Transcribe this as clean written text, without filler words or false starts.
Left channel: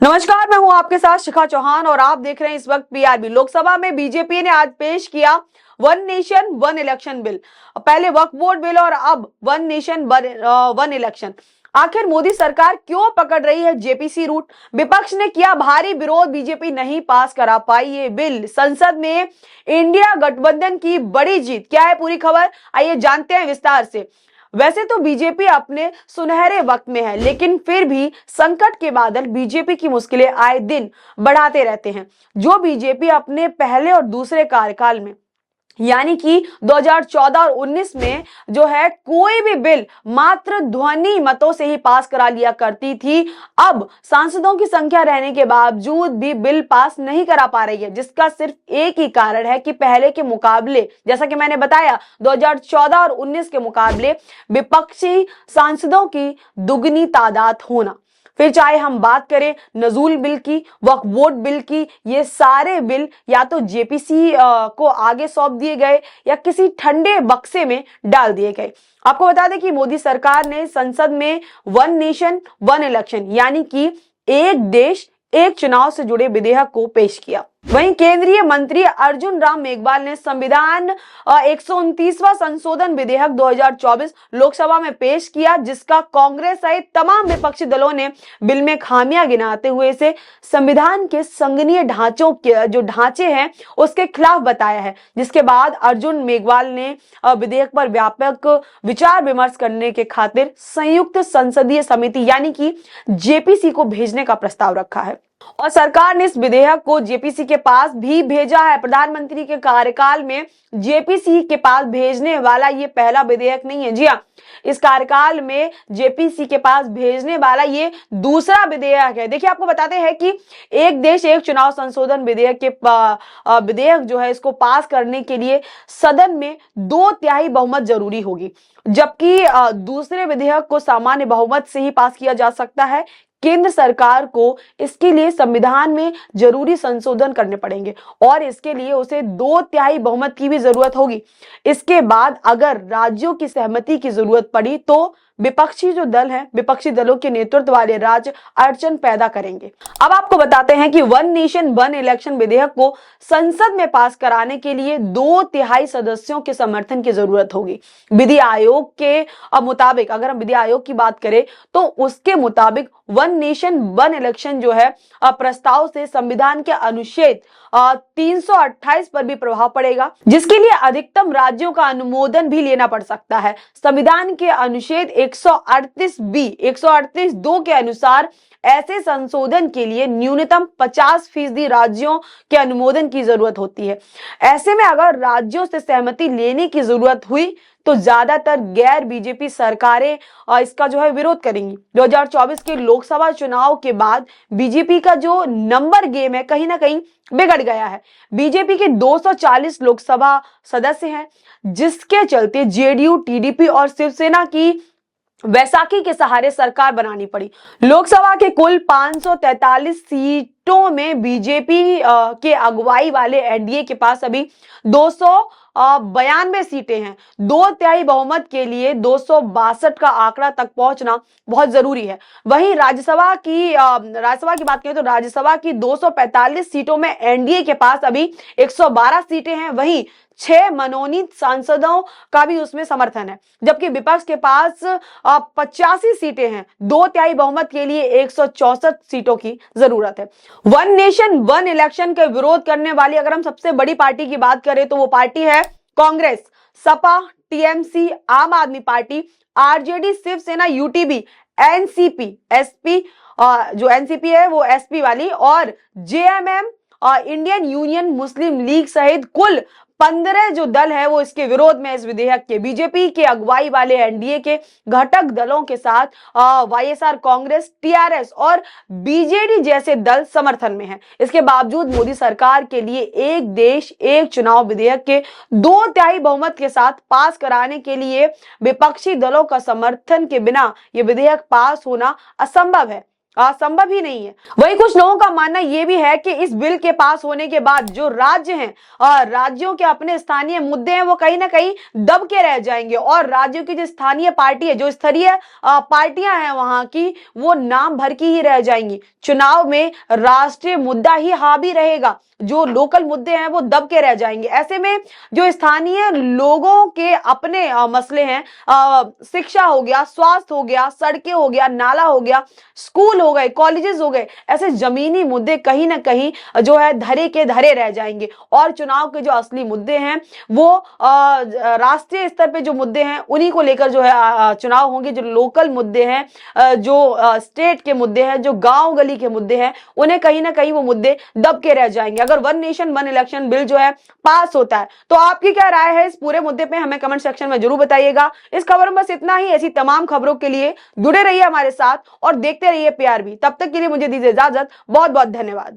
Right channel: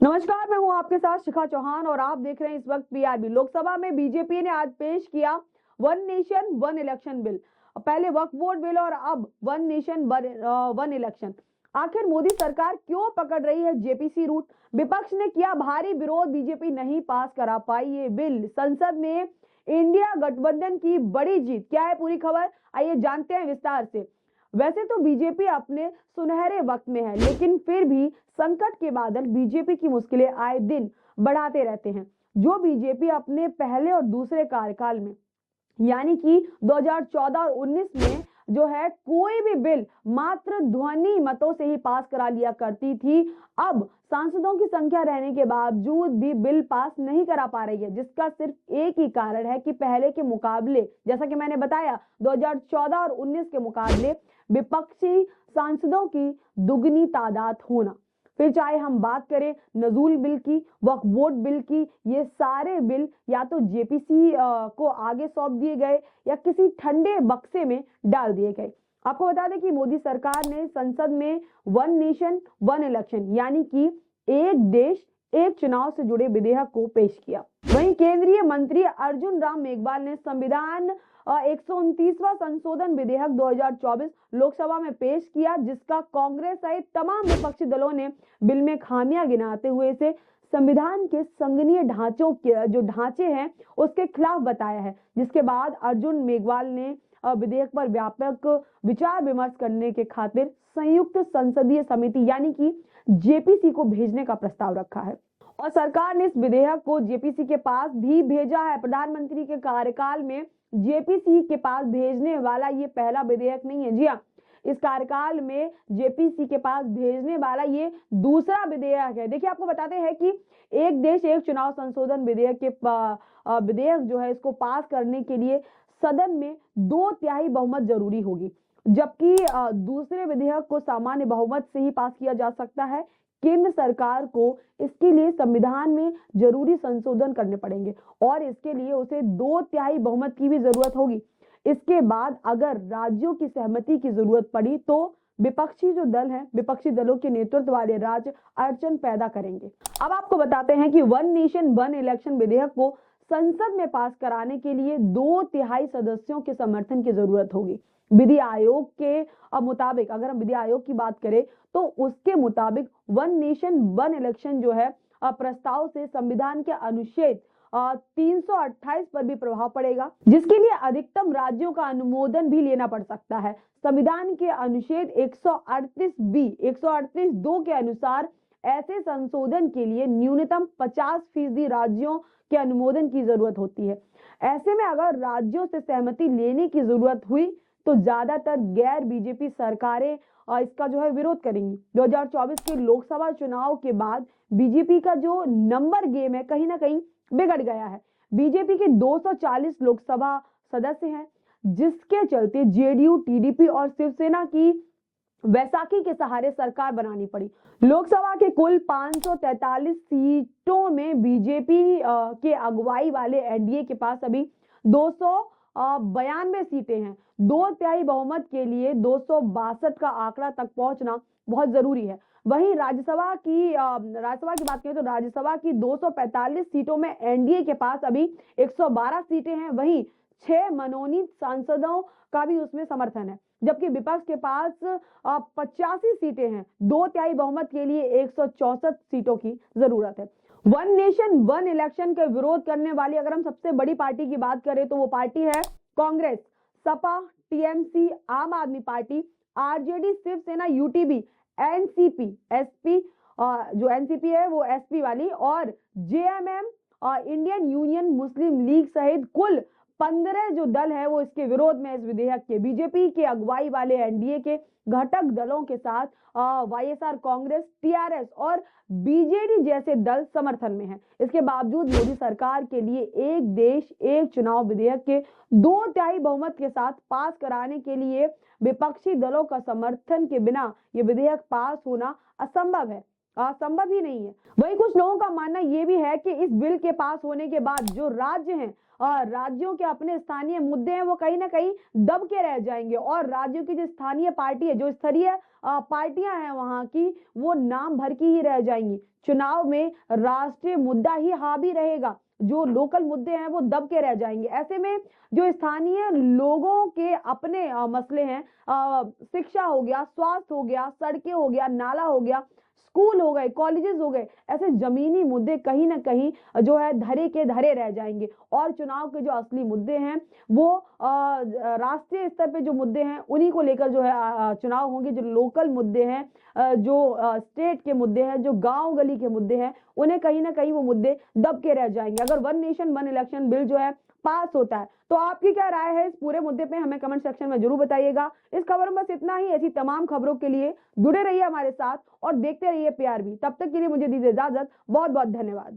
नमस्कार, मैं हूं आपके साथ शिखा चौहान और आप देख रहे हैं इस वक्त पीआरबी। लोकसभा में बीजेपी ने आज पेश किया one nation one election bill. पहले वक्फ बोर्ड बिल और अब वन नेशन वन इलेक्शन। आखिर मोदी सरकार क्यों पकड़ रही है जेपीसी रूट? विपक्ष ने किया भारी विरोध, बीजेपी नहीं पास करा पाई ये बिल। संसद में इंडिया गठबंधन की बड़ी जीत, क्या है पूरी खबर, आइए जानते हैं विस्तार से। वैसे तो बीजेपी अपने सुनहरे वक्त में है, लेकिन फिर भी संकट के बादल बीजेपी की मुश्किलें आए दिन बढ़ाते रहते हैं। जो बीजेपी अपने पहले और दूसरे कार्यकाल में यानी कि 2014 और 19 में जो है कोई भी बिल मात्र ध्वनि मतों से ही पास करा लिया करती थी, अब सांसदों की संख्या रहने के बावजूद भी बिल पास नहीं करा पा रही है। जिसका सिर्फ एक ही कारण है कि पहले के मुकाबले, जैसा कि मैंने बताया, 2014 और 19 के मुकाबले विपक्षी सांसदों की दुगनी तादाद होना। फिर चाहे हम बात करें नजूल बिल की, वक्फ बोर्ड बिल की, ये सारे बिल या तो जेपीसी को आगे सौंप दिए गए या किसी ठंडे बक्से में डाल दिए गए। आपको बता दें कि मोदी सरकार ने संसद में वन नेशन वन इलेक्शन यानी कि एक देश एक चुनाव से जुड़े विधेयक को पेश किया। वहीं केंद्रीय मंत्री अर्जुन राम मेघवाल ने संविधान 129वां संशोधन विधेयक 2024 लोकसभा में पेश किया, जिसका कांग्रेस सहित तमाम विपक्षी दलों ने बिल में खामियां गिनाते हुए इसे संविधान के संघनीय ढांचों के जो ढांचे हैं उसके खिलाफ बताया है। जिसके बाद अर्जुन मेघवाल ने विधेयक पर व्यापक विचार विमर्श करने के खातिर संयुक्त संसदीय समिति यानी कि जेपीसी को भेजने का प्रस्ताव रखा है और सरकार ने इस विधेयक को जेपीसी के पास भी भेजा है। प्रधानमंत्री के कार्यकाल में जेपीसी के पास भेजने वाला ये पहला विधेयक नहीं है। जी हाँ, इस कार्यकाल में जेपीसी के पास भेजने वाला ये दूसरा विधेयक है। देखिए, आपको बताते हैं कि एक देश एक चुनाव संशोधन विधेयक के विधेयक जो है इसको पास करने के लिए सदन में 2/3 बहुमत जरूरी होगी, जबकि दूसरे विधेयक को सामान्य बहुमत से ही पास किया जा सकता है। केंद्र सरकार को इसके लिए संविधान में जरूरी संशोधन करने पड़ेंगे और इसके लिए उसे 2/3 बहुमत की भी जरूरत होगी। इसके बाद अगर राज्यों की सहमति की जरूरत पड़ी तो विपक्षी जो दल है, विपक्षी दलों के नेतृत्व वाले राज्य अड़चन पैदा करेंगे। अब आपको बताते हैं कि वन नेशन वन इलेक्शन विधेयक को संसद में पास कराने के लिए 2/3 सदस्यों के समर्थन की जरूरत होगी। विधि आयोग के मुताबिक, अगर हम विधि आयोग की बात करें तो उसके मुताबिक वन नेशन वन इलेक्शन जो है प्रस्ताव से संविधान के अनुच्छेद 328 पर भी प्रभाव पड़ेगा, जिसके लिए अधिकतम राज्यों का अनुमोदन भी लेना पड़ सकता है। संविधान के अनुच्छेद 138(2) के अनुसार ऐसे संशोधन के लिए न्यूनतम 50% राज्यों के अनुमोदन की जरूरत होती है। ऐसे में अगर राज्यों से सहमति लेने की जरूरत हुई तो ज्यादातर गैर बीजेपी सरकारें इसका जो है विरोध करेंगी। 2024 के लोकसभा चुनाव के बाद बीजेपी का जो नंबर गेम है कहीं ना कहीं बिगड़ गया है। बीजेपी के 240 लोकसभा सदस्य हैं, जिसके चलते जेडीयू, टीडीपी और शिवसेना की वैसाखी के सहारे सरकार बनानी पड़ी। लोकसभा के कुल 543 सीटों में बीजेपी के अगुवाई वाले एनडीए के पास अभी 292 सीटें हैं। 2/3 बहुमत के लिए 262 का आंकड़ा तक पहुंचना बहुत जरूरी है। वहीं राज्यसभा की बात करें तो राज्यसभा की 245 सीटों में एनडीए के पास अभी 112 सीटें हैं। वहीं 6 मनोनीत सांसदों का भी उसमें समर्थन है, जबकि विपक्ष के पास 85 सीटें हैं। 2/3 बहुमत के लिए 164 सीटों की जरूरत है। वन नेशन वन इलेक्शन के विरोध करने वाली अगर हम सबसे बड़ी पार्टी की बात करें तो वो पार्टी है Congress, Sapa, TMC, Aam Aadmi Party, RJD, Shiv Sena, UTB, NCP, SP, जो एनसीपी है वो एसपी वाली, और JMM, Indian Union Muslim League सहित कुल 15 जो दल है वो इसके विरोध में इस विधेयक के। बीजेपी के अगुवाई वाले एनडीए के घटक दलों के साथ वाईएसआर कांग्रेस, टीआरएस और बीजेडी जैसे दल समर्थन में हैं। इसके बावजूद मोदी सरकार के लिए एक देश एक चुनाव विधेयक के 2/3 बहुमत के साथ पास कराने के लिए विपक्षी दलों का समर्थन के बिना यह विधेयक पास होना असंभव है। संभव ही नहीं है। वही कुछ लोगों का मानना ये भी है कि इस बिल के पास होने के बाद जो राज्य हैं, राज्यों के अपने स्थानीय मुद्दे हैं वो कहीं ना कहीं दब के रह जाएंगे, और राज्यों की जो स्थानीय पार्टी है, जो स्तरीय पार्टियां हैं वहां की, वो नाम भर की ही रह जाएंगी। चुनाव में राष्ट्रीय मुद्दा ही हावी रहेगा, जो लोकल मुद्दे हैं वो दब के रह जाएंगे। ऐसे में जो स्थानीय लोगों के अपने मसले हैं, शिक्षा हो गया, स्वास्थ्य हो गया, सड़कें हो गया, नाला हो गया, स्कूल हो गए, कॉलेजेस हो गए, ऐसे जमीनी मुद्दे कहीं ना कहीं जो है धरे के धरे रह जाएंगे। और चुनाव के जो असली मुद्दे हैं वो राष्ट्रीय स्तर पे जो मुद्दे हैं उन्हीं को लेकर जो है चुनाव होंगे। जो लोकल मुद्दे हैं, जो स्टेट के मुद्दे हैं, जो गांव गली के मुद्दे हैं, उन्हें कहीं ना कहीं वो मुद्दे दब के रह जाएंगे। अगर one nation one election bill जो है पास होता है तो आपकी क्या राय है इस पूरे मुद्दे पे, हमें कमेंट सेक्शन में जरूर बताइएगा। इस खबर में बस इतना ही। ऐसी तमाम खबरों के लिए जुड़े रहिए हमारे साथ और देखते रहिए PRB। तब तक के लिए मुझे दीजिए इजाजत। बहुत बहुत धन्यवाद।